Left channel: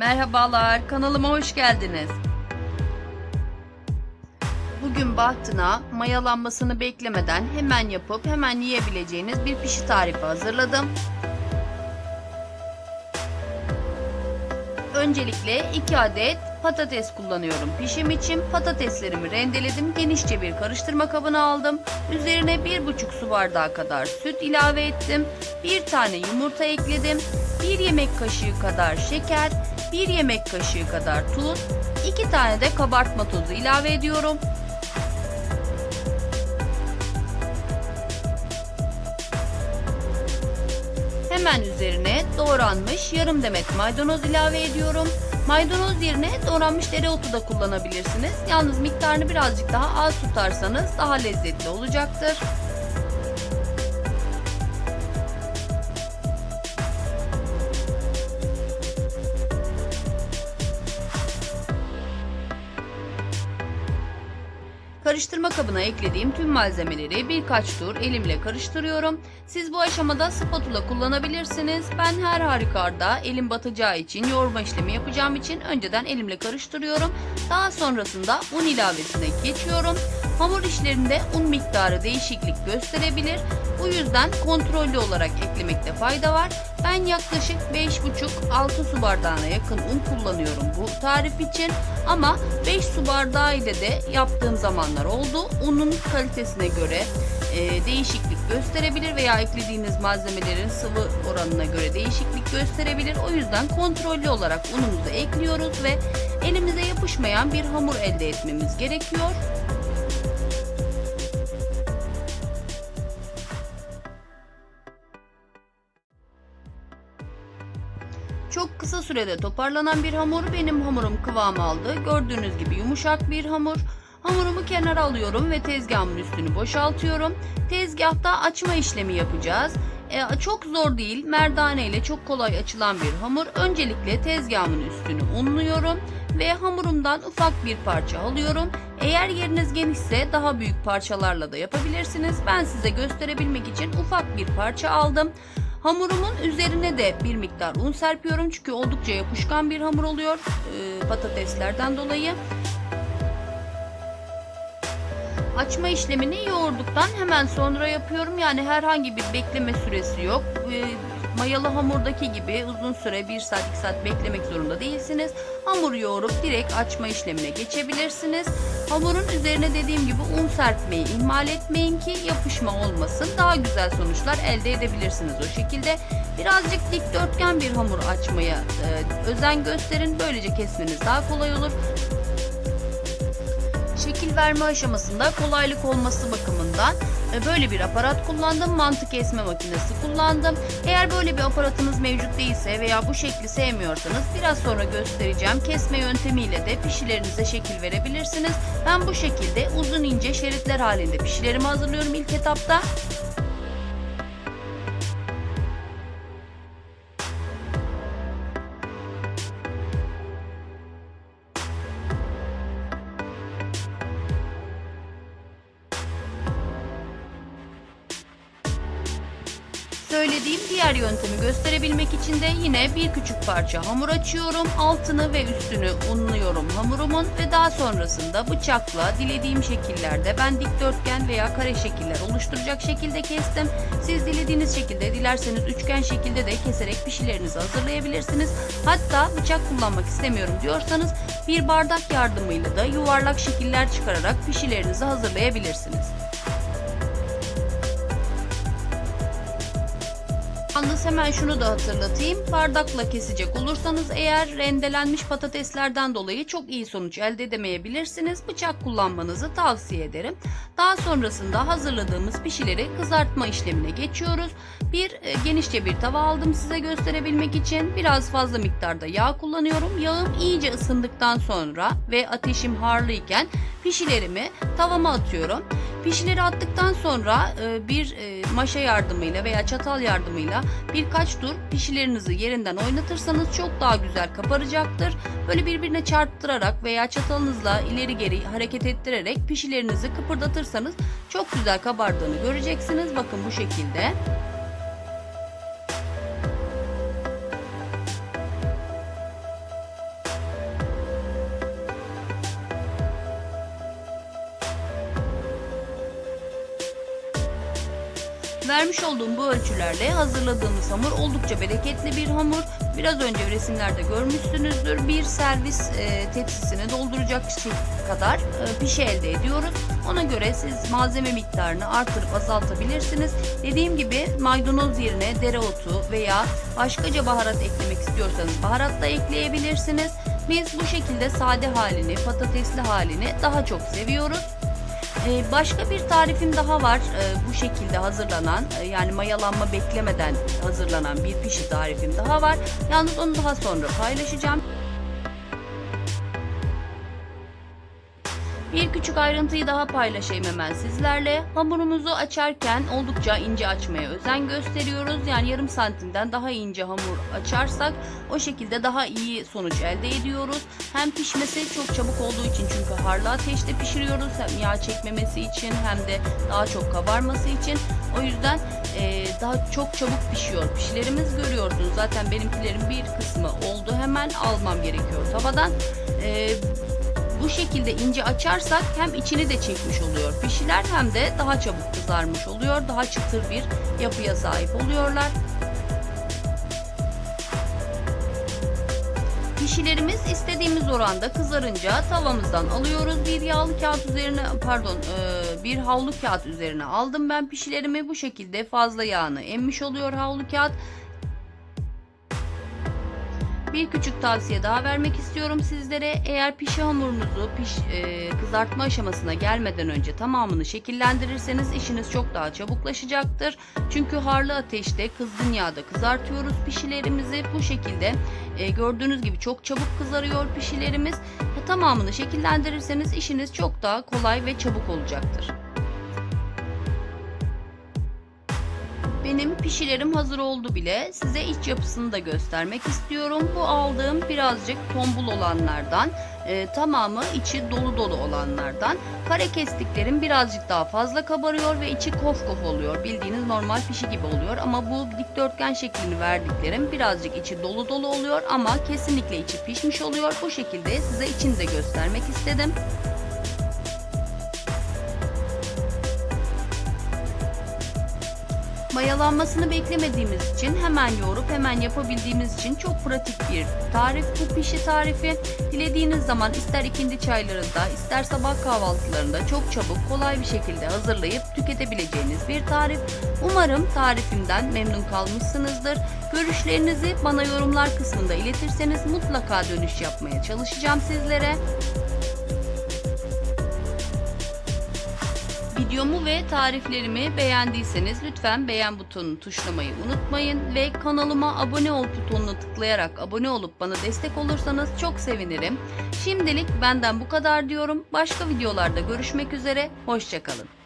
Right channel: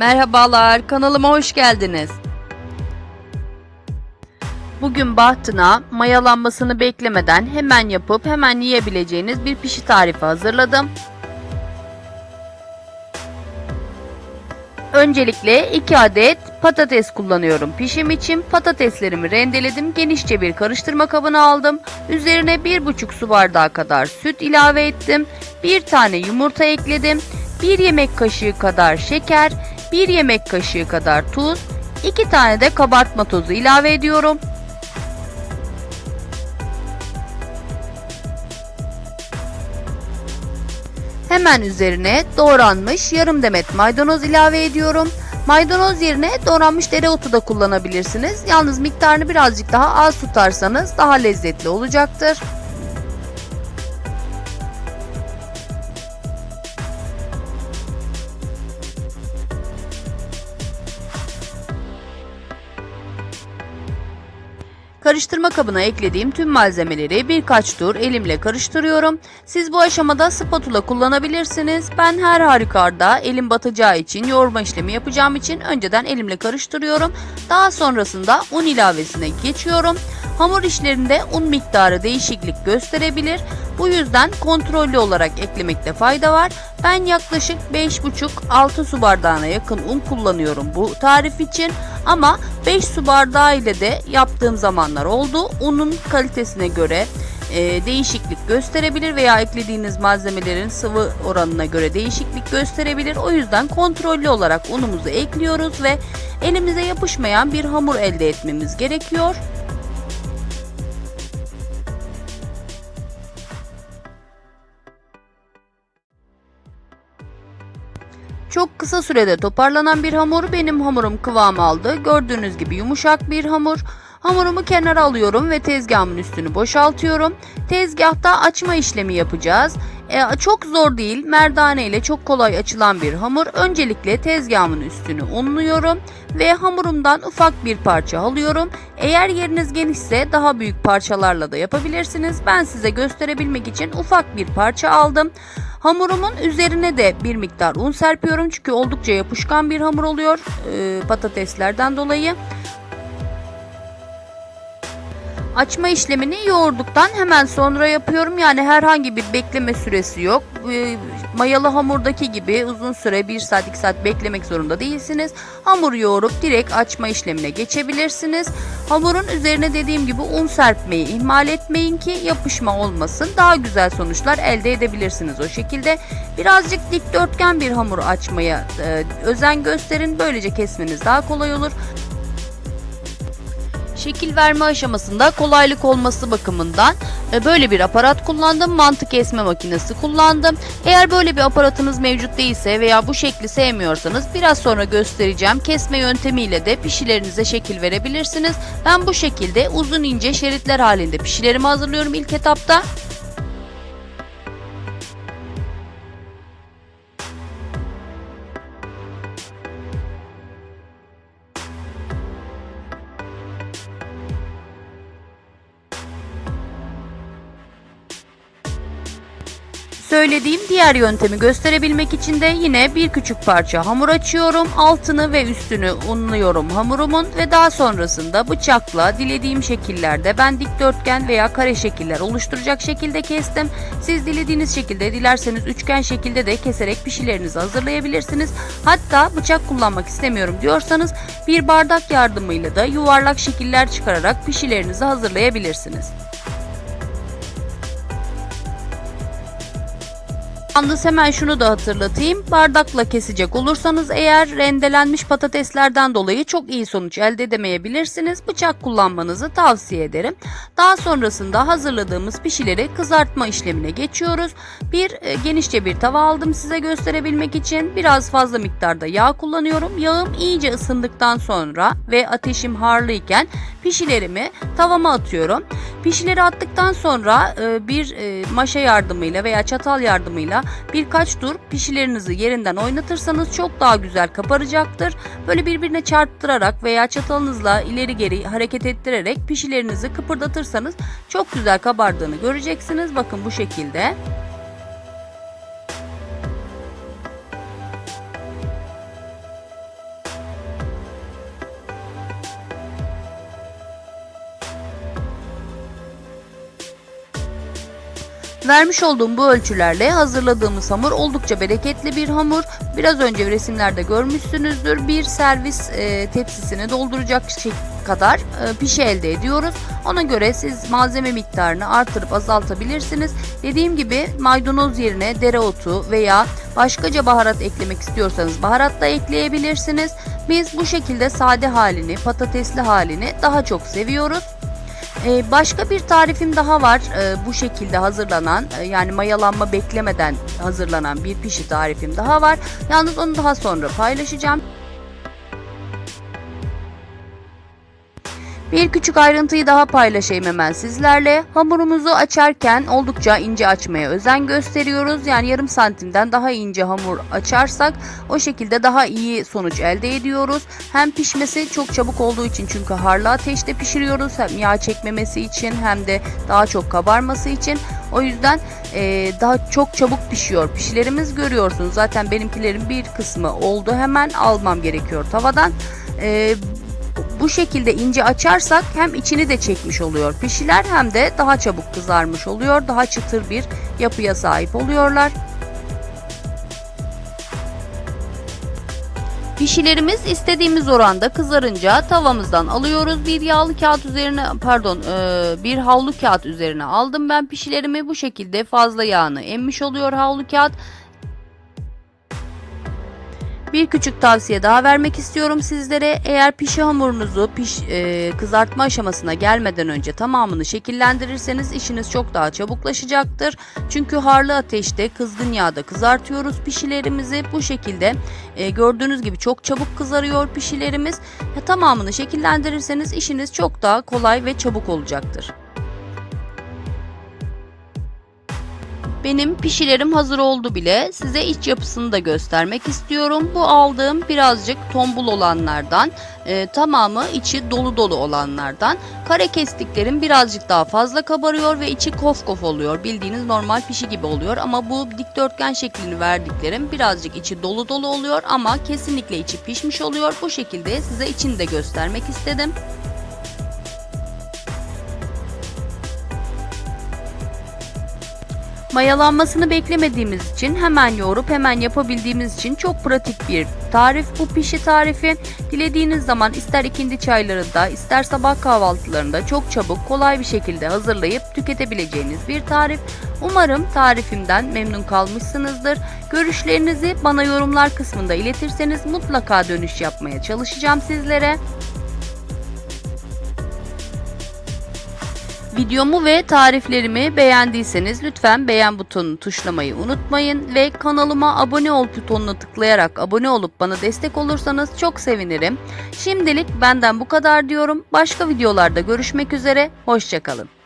Merhabalar, kanalıma hoş geldiniz. Bugün bahtına mayalanmasını beklemeden hemen yapıp hemen yiyebileceğiniz bir pişi tarifi hazırladım. Öncelikle 2 adet patates kullanıyorum pişim için. Patateslerimi rendeledim. Genişçe bir karıştırma kabına aldım. Üzerine 1,5 su bardağı kadar süt ilave ettim. 1 tane yumurta ekledim. 1 yemek kaşığı kadar şeker, 1 yemek kaşığı kadar tuz, 2 tane de kabartma tozu ilave ediyorum. Hemen üzerine doğranmış yarım demet maydanoz ilave ediyorum. Maydanoz yerine doğranmış dereotu da kullanabilirsiniz. Yalnız miktarını birazcık daha az tutarsanız daha lezzetli olacaktır. Karıştırma kabına eklediğim tüm malzemeleri birkaç tur elimle karıştırıyorum. Siz bu aşamada spatula kullanabilirsiniz. Ben her halükarda elim batacağı için yoğurma işlemi yapacağım için önceden elimle karıştırıyorum. Daha sonrasında un ilavesine geçiyorum. Hamur işlerinde un miktarı değişiklik gösterebilir. Bu yüzden kontrollü olarak eklemekte fayda var. Ben yaklaşık 5,5-6 su bardağına yakın un kullanıyorum bu tarif için. Ama 5 su bardağı ile de yaptığım zamanlar oldu. Unun kalitesine göre e, değişiklik gösterebilir veya eklediğiniz malzemelerin sıvı oranına göre değişiklik gösterebilir. O yüzden kontrollü olarak unumuzu ekliyoruz ve elimize yapışmayan bir hamur elde etmemiz gerekiyor. Çok kısa sürede toparlanan bir hamur benim hamurum kıvam aldı. Gördüğünüz gibi yumuşak bir hamur. Hamurumu kenara alıyorum ve tezgahımın üstünü boşaltıyorum. Tezgahta açma işlemi yapacağız. E, çok zor değil, merdane ile çok kolay açılan bir hamur. Öncelikle tezgahımın üstünü unluyorum ve hamurumdan ufak bir parça alıyorum. Eğer yeriniz genişse daha büyük parçalarla da yapabilirsiniz. Ben size gösterebilmek için ufak bir parça aldım. Hamurumun üzerine de bir miktar un serpiyorum çünkü oldukça yapışkan bir hamur oluyor e, patateslerden dolayı. Açma işlemini yoğurduktan hemen sonra yapıyorum. Yani herhangi bir bekleme süresi yok. Mayalı hamurdaki gibi uzun süre 1 saat 2 saat beklemek zorunda değilsiniz. Hamur yoğurup direkt açma işlemine geçebilirsiniz. Hamurun üzerine dediğim gibi un serpmeyi ihmal etmeyin ki yapışma olmasın. Daha güzel sonuçlar elde edebilirsiniz o şekilde. Birazcık dikdörtgen bir hamur açmaya e, özen gösterin. Böylece kesmeniz daha kolay olur. Şekil verme aşamasında kolaylık olması bakımından e, böyle bir aparat kullandım. Mantık kesme makinesi kullandım. Eğer böyle bir aparatınız mevcut değilse veya bu şekli sevmiyorsanız biraz sonra göstereceğim kesme yöntemiyle de pişilerinize şekil verebilirsiniz. Ben bu şekilde uzun ince şeritler halinde pişilerimi hazırlıyorum ilk etapta. Söylediğim diğer yöntemi gösterebilmek için de yine bir küçük parça hamur açıyorum. Altını ve üstünü unluyorum hamurumun ve daha sonrasında bıçakla dilediğim şekillerde ben dikdörtgen veya kare şekiller oluşturacak şekilde kestim. Siz dilediğiniz şekilde dilerseniz üçgen şekilde de keserek pişilerinizi hazırlayabilirsiniz. Hatta bıçak kullanmak istemiyorum diyorsanız bir bardak yardımıyla da yuvarlak şekiller çıkararak pişilerinizi hazırlayabilirsiniz. Yalnız hemen şunu da hatırlatayım. Bardakla kesecek olursanız eğer rendelenmiş patateslerden dolayı çok iyi sonuç elde edemeyebilirsiniz. Bıçak kullanmanızı tavsiye ederim. Daha sonrasında hazırladığımız pişileri kızartma işlemine geçiyoruz. Bir e, genişçe bir tava aldım size gösterebilmek için. Biraz fazla miktarda yağ kullanıyorum. Yağım iyice ısındıktan sonra ve ateşim harlıyken pişilerimi tavama atıyorum. Pişileri attıktan sonra e, bir e, maşa yardımıyla veya çatal yardımıyla birkaç tur pişilerinizi yerinden oynatırsanız çok daha güzel kaparacaktır. Böyle birbirine çarptırarak veya çatalınızla ileri geri hareket ettirerek pişilerinizi kıpırdatırsanız çok güzel kabardığını göreceksiniz. Bakın bu şekilde. Vermiş olduğum bu ölçülerle hazırladığımız hamur oldukça bereketli bir hamur. Biraz önce resimlerde görmüşsünüzdür. Bir servis e, tepsisini dolduracak kadar e, pişi elde ediyoruz. Ona göre siz malzeme miktarını artırıp azaltabilirsiniz. Dediğim gibi maydanoz yerine dereotu veya başkaca baharat eklemek istiyorsanız baharat da ekleyebilirsiniz. Biz bu şekilde sade halini, patatesli halini daha çok seviyoruz. Ee, başka bir tarifim daha var Ee, bu şekilde hazırlanan e, yani mayalanma beklemeden hazırlanan bir pişi tarifim daha var. Yalnız onu daha sonra paylaşacağım. Bir küçük ayrıntıyı daha paylaşayım hemen sizlerle. Hamurumuzu açarken oldukça ince açmaya özen gösteriyoruz. Yani yarım santimden daha ince hamur açarsak o şekilde daha iyi sonuç elde ediyoruz. Hem pişmesi çok çabuk olduğu için çünkü harlı ateşte pişiriyoruz. Hem yağ çekmemesi için hem de daha çok kabarması için. O yüzden e, daha çok çabuk pişiyor. Pişilerimiz görüyorsunuz. Zaten benimkilerin bir kısmı oldu. Hemen almam gerekiyor tavadan. E, bu şekilde ince açarsak hem içini de çekmiş oluyor pişiler hem de daha çabuk kızarmış oluyor. Daha çıtır bir yapıya sahip oluyorlar. Pişilerimiz istediğimiz oranda kızarınca tavamızdan alıyoruz. Bir yağlı kağıt üzerine pardon e, bir havlu kağıt üzerine aldım ben pişilerimi. Bu şekilde fazla yağını emmiş oluyor havlu kağıt. Bir küçük tavsiye daha vermek istiyorum sizlere. Eğer pişi hamurunuzu piş, e, kızartma aşamasına gelmeden önce tamamını şekillendirirseniz işiniz çok daha çabuklaşacaktır. Çünkü harlı ateşte kızgın yağda kızartıyoruz pişilerimizi. Bu şekilde e, gördüğünüz gibi çok çabuk kızarıyor pişilerimiz. E, tamamını şekillendirirseniz işiniz çok daha kolay ve çabuk olacaktır. Benim pişilerim hazır oldu bile. Size iç yapısını da göstermek istiyorum. Bu aldığım birazcık tombul olanlardan, e, tamamı içi dolu dolu olanlardan. Kare kestiklerim birazcık daha fazla kabarıyor ve içi kof kof oluyor. Bildiğiniz normal pişi gibi oluyor ama bu dikdörtgen şeklini verdiklerim birazcık içi dolu dolu oluyor ama kesinlikle içi pişmiş oluyor. Bu şekilde size içini de göstermek istedim. Mayalanmasını beklemediğimiz için hemen yoğurup hemen yapabildiğimiz için çok pratik bir tarif bu pişi tarifi. Dilediğiniz zaman ister ikindi çaylarında ister sabah kahvaltılarında çok çabuk kolay bir şekilde hazırlayıp tüketebileceğiniz bir tarif. Umarım tarifimden memnun kalmışsınızdır. Görüşlerinizi bana yorumlar kısmında iletirseniz mutlaka dönüş yapmaya çalışacağım sizlere. Videomu ve tariflerimi beğendiyseniz lütfen beğen butonunu tuşlamayı unutmayın ve kanalıma abone ol butonuna tıklayarak abone olup bana destek olursanız çok sevinirim. Şimdilik benden bu kadar diyorum. Başka videolarda görüşmek üzere. Hoşçakalın.